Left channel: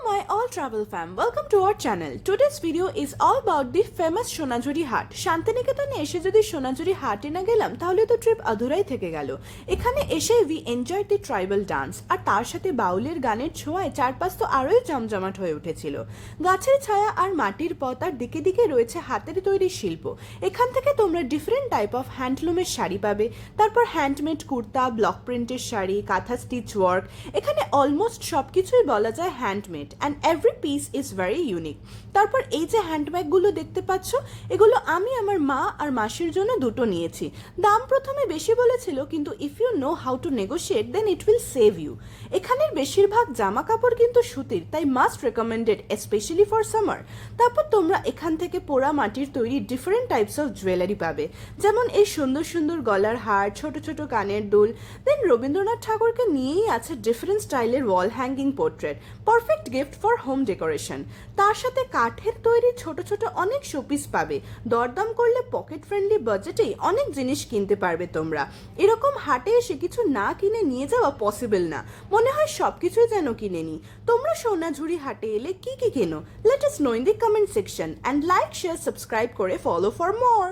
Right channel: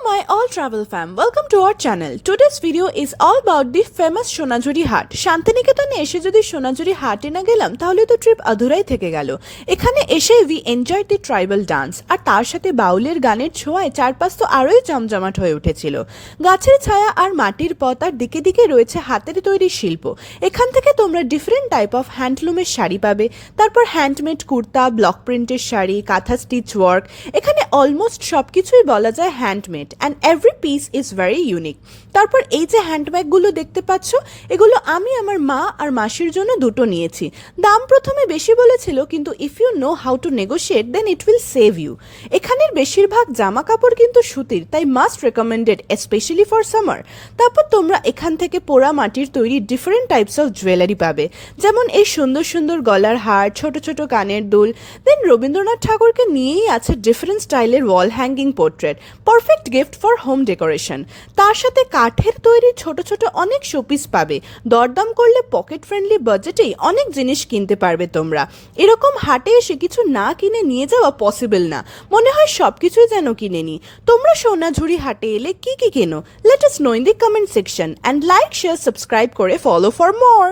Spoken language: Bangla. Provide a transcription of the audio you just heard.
My all travel fam, welcome to our channel. Today's video is all about the famous সোনাঝুরি হাট। শান্তিনিকেতনে এসে যদি সোনাঝুরি হাটে না গেলাম তাহলে তো ট্রিপ আধুরাই থেকে গেল। এখানে এসে we enjoy the tribal dance আর তার সাথে বাউলের গানের ছোঁয়ায় চারপাশ তো আরোই জমজমাট হয়ে উঠেছিল। গাছের ছায়া আর মাটির পথ আর দিকে দিকে রয়েছে হাতের তৈরি শিল্প। এখান থেকে তোমরা ডিফারেন্ট টাইপ অফ হ্যান্ডলুমের শাড়ি পাবে, তারপর হ্যান্ডমেড কুর্তা, ব্লক প্রিন্টের শাড়ি, কাঁথা স্টিচ ওয়ার্ক। এখানে অলমোস্ট সবকিছুই বলা যায় handmade and every piece is very unique. তারপর এই যে হ্যান্ডব্যাগগুলো দেখতে পাচ্ছ, এগুলো আমি আমার মা আর মাসির জন্য দুটো নিয়েছি। দাম প্রথমে বেশি বলেছিল, কিন্তু if you know how to negotiate then it will save you. এখানের বেশিরভাগ জামা কাপড় কিন্তু সুতির, তাই must recommended specially for summer. তারপর তোমরা এখান থেকে পোড়া মাটির তৈরি ডিফারেন্ট টাইপস অফ জুয়েলারি পাবে, যেমন এই সুন্দর সুন্দর গলার হার, ছোট ছোট কানের দুল। দেন রবীন্দ্রনাথ ঠাকুরকে নিয়েই আছে ডিফারেন্ট স্টাইলের wall hanging portrait, perfect gift for home decoration. তার সাথে কাঠের তৈরি ছোট ছোট অনেক শোপিস পাবে। দরদাম করলে পকেট ফ্রেন্ডলি বাজেটেই অনেক জিনিস কিনতে পারবে তোমরা। এরকম হাটে এসে কিছু না কিনে নিয়ে যাওয়া পসিবল না, মনে হয় সবকিছুই যেন কিনে নি। তোমরা সোনাঝুরি হাটে এলে কি কি কেনো? Let us no in the comment section, and like, share, subscribe করে ফলো ফর মোর।